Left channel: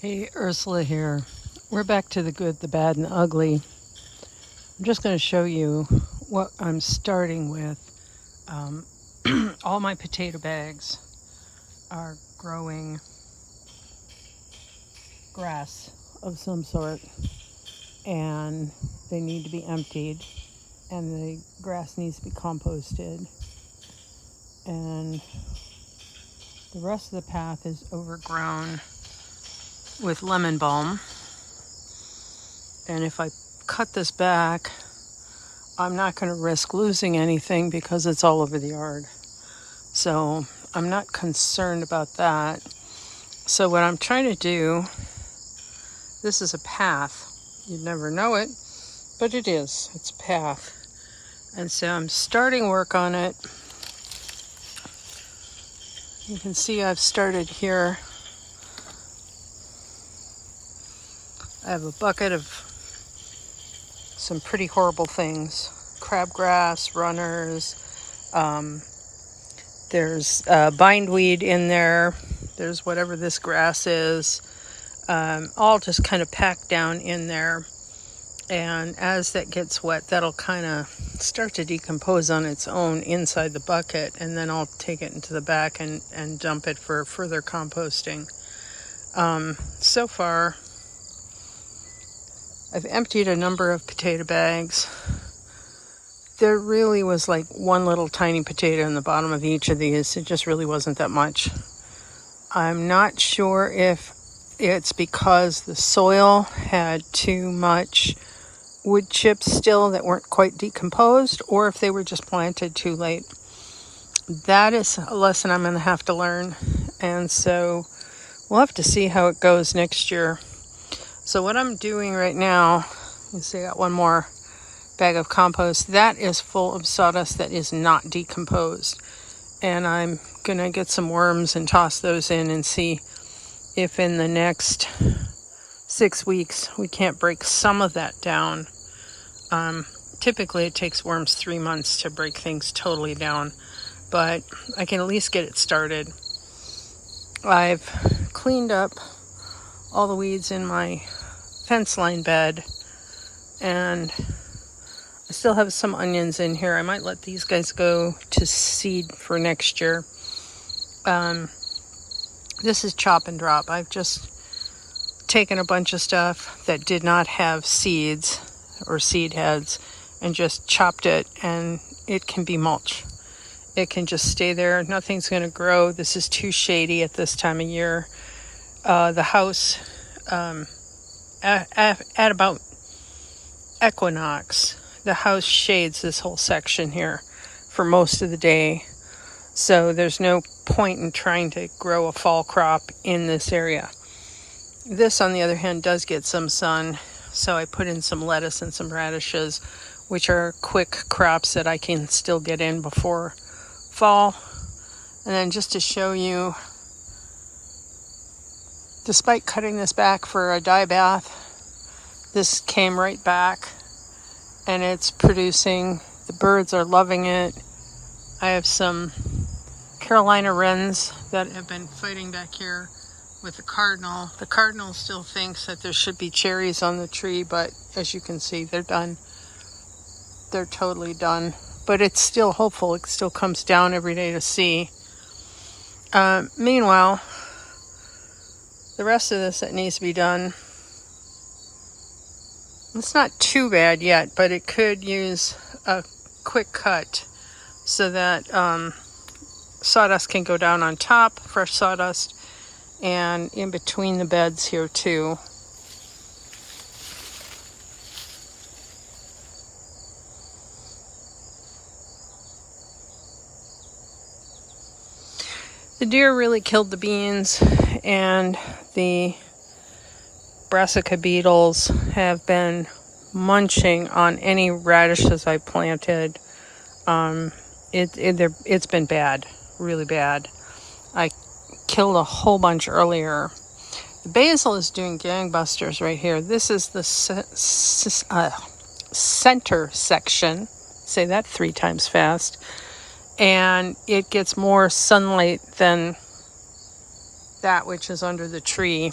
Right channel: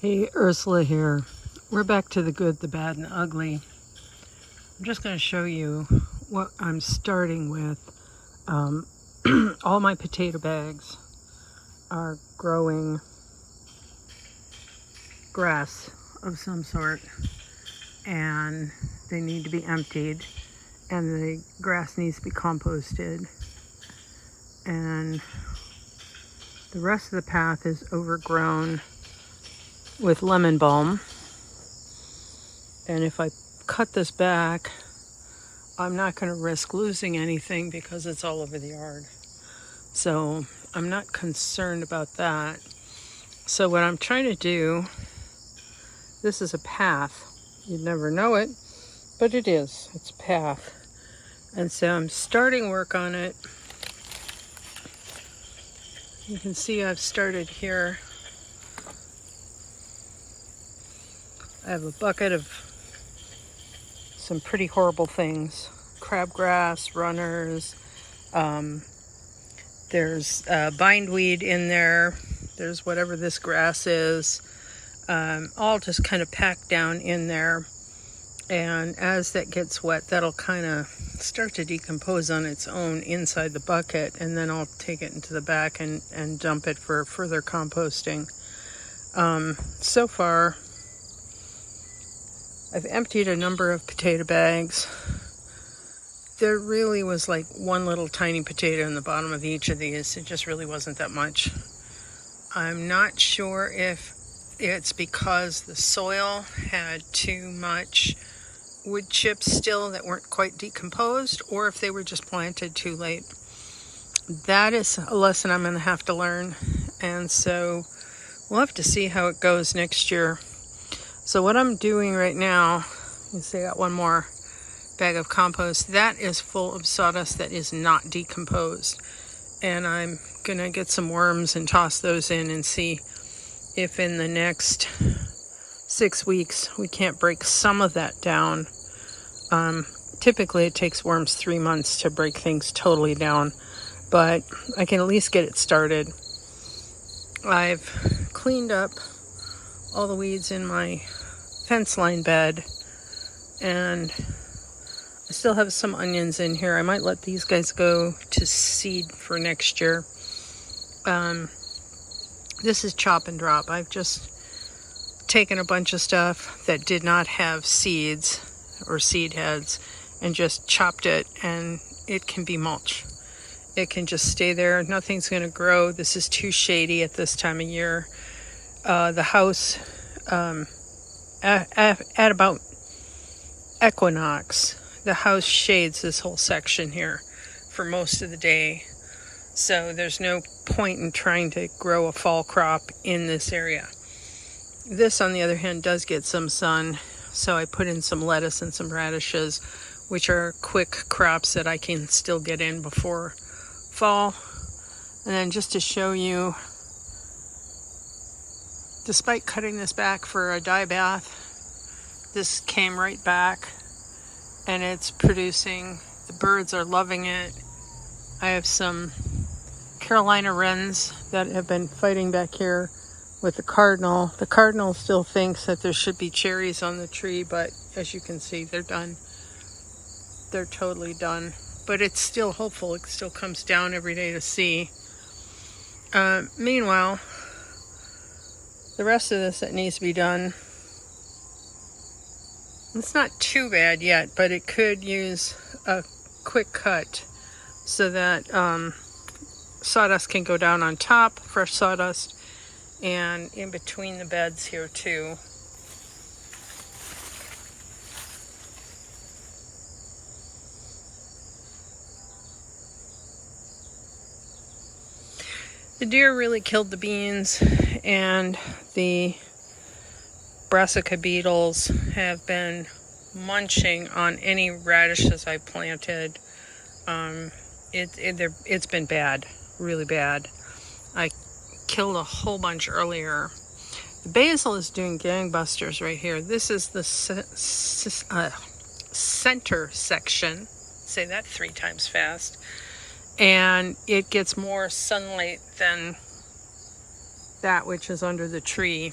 Hey, Ursula here. We're back to the good, the bad, and the ugly. I'm just going to show you what I'm starting with. All my potato bags are growing grass of some sort, and they need to be emptied, and the grass needs to be composted, and the rest of the path is overgrown with lemon balm. And if I cut this back, I'm not going to risk losing anything because it's all over the yard. So I'm not concerned about that. So what I'm trying to do, this is a path. You'd never know it, but it is. It's a path. And so I'm starting work on it. You can see I've started here. I have a bucket of some pretty horrible things. Crabgrass, runners, there's bindweed in there. There's whatever this grass is. All just kind of packed down in there. And as that gets wet, that'll kind of start to decompose on its own inside the bucket. And then I'll take it into the back and dump it for further composting. So far, I've emptied a number of potato bags. There really was like one little tiny potato in the bottom of each of these. It just really wasn't that much. I'm not sure if it's because the soil had too much wood chips still that weren't quite decomposed, or if they were just planted too late. That is a lesson I'm going to have to learn. And so we'll have to see how it goes next year. So what I'm doing right now, you see I got one more bag of compost. That is full of sawdust that is not decomposed. And I'm going to get some worms and toss those in and see if in the next 6 weeks we can't break some of that down. Typically it takes worms 3 months to break things totally down, but I can at least get it started. I've cleaned up all the weeds in my fence line bed, and I still have some onions in here. I might let these guys go to seed for next year. This is chop and drop. I've just taken a bunch of stuff that did not have seeds or seed heads and just chopped it, and it can be mulch. It can just stay there. Nothing's going to grow. This is too shady at this time of year. The house, at about equinox, the house shades this whole section here for most of the day. So there's no point in trying to grow a fall crop in this area. This, on the other hand, does get some sun. So I put in some lettuce and some radishes, which are quick crops that I can still get in before fall. And then just to show you, despite cutting this back for a dye bath, this came right back and it's producing. The birds are loving it. I have some Carolina wrens that have been fighting back here with the cardinal. The cardinal still thinks that there should be cherries on the tree, but as you can see, they're done. They're totally done. But it's still hopeful. It still comes down every day to see. Meanwhile, the rest of this that needs to be done, it's not too bad yet, but it could use a quick cut so that sawdust can go down on top, fresh sawdust, and in between the beds here too. The deer really killed the beans, and the brassica beetles have been munching on any radishes I planted. It's been bad, really bad. I killed a whole bunch earlier. The basil is doing gangbusters right here. This is the center section. Say that 3 times fast. And it gets more sunlight than that which is under the tree.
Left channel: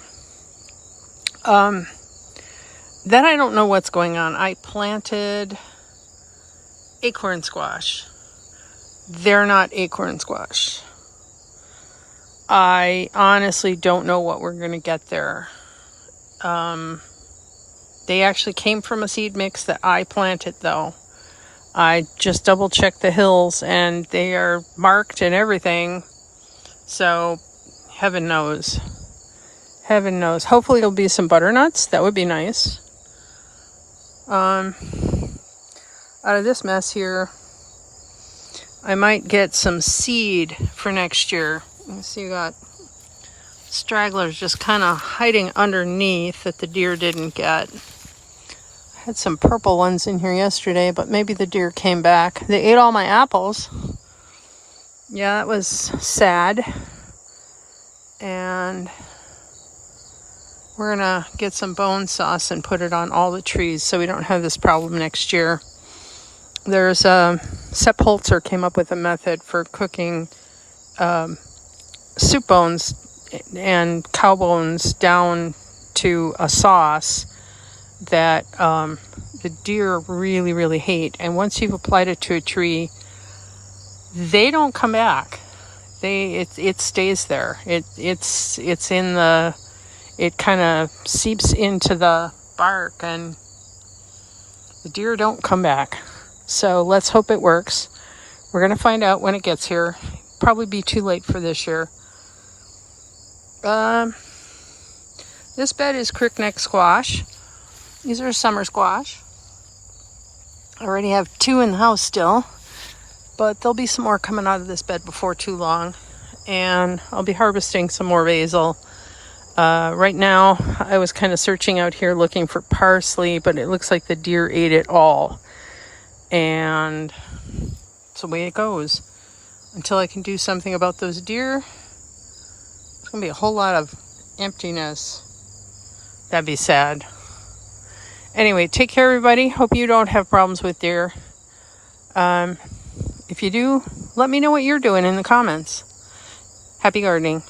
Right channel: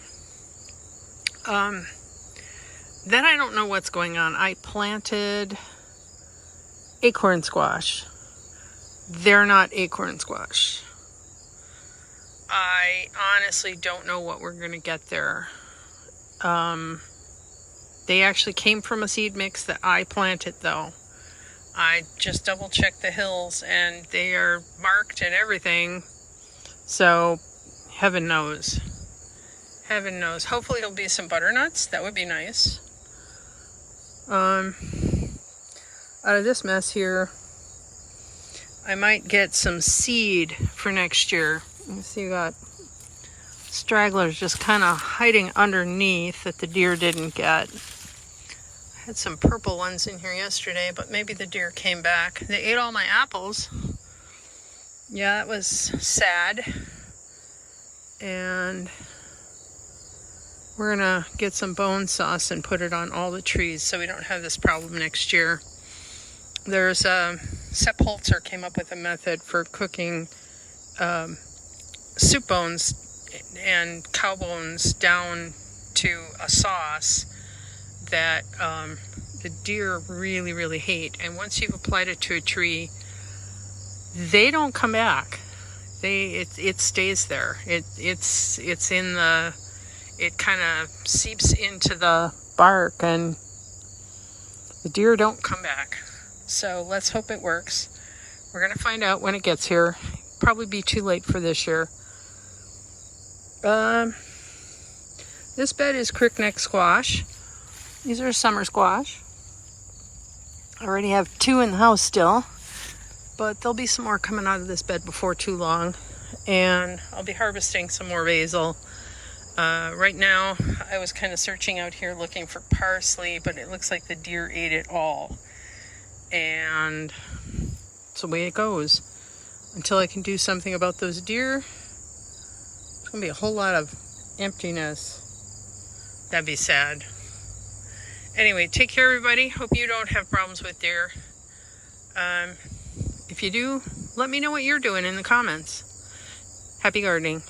Then I don't know what's going on. I planted acorn squash. They're not acorn squash. I honestly don't know what we're going to get there. They actually came from a seed mix that I planted, though. I just double checked the hills and they are marked and everything. So heaven knows. Heaven knows. Hopefully it'll be some butternuts. That would be nice. Out of this mess here, I might get some seed for next year. You see, you got stragglers just kind of hiding underneath that the deer didn't get. I had some purple ones in here yesterday, but maybe the deer came back. They ate all my apples. Yeah, that was sad. And we're gonna get some bone sauce and put it on all the trees so we don't have this problem next year. There's Sepp Holzer came up with a method for cooking soup bones and cow bones down to a sauce that the deer really, really hate. And once you've applied it to a tree, they don't come back. It stays there. It's in the, it kind of seeps into the bark, and the deer don't come back. So let's hope it works. We're gonna find out when it gets here. Probably be too late for this year. This bed is crickneck squash. These are summer squash. I already have 2 in the house still, but there'll be some more coming out of this bed before too long. And I'll be harvesting some more basil. Right now, I was kind of searching out here looking for parsley, but it looks like the deer ate it all. And it's the way it goes. Until I can do something about those deer, it's going to be a whole lot of emptiness. That'd be sad. Anyway, take care, everybody. Hope you don't have problems with deer. If you do, let me know what you're doing in the comments. Happy gardening.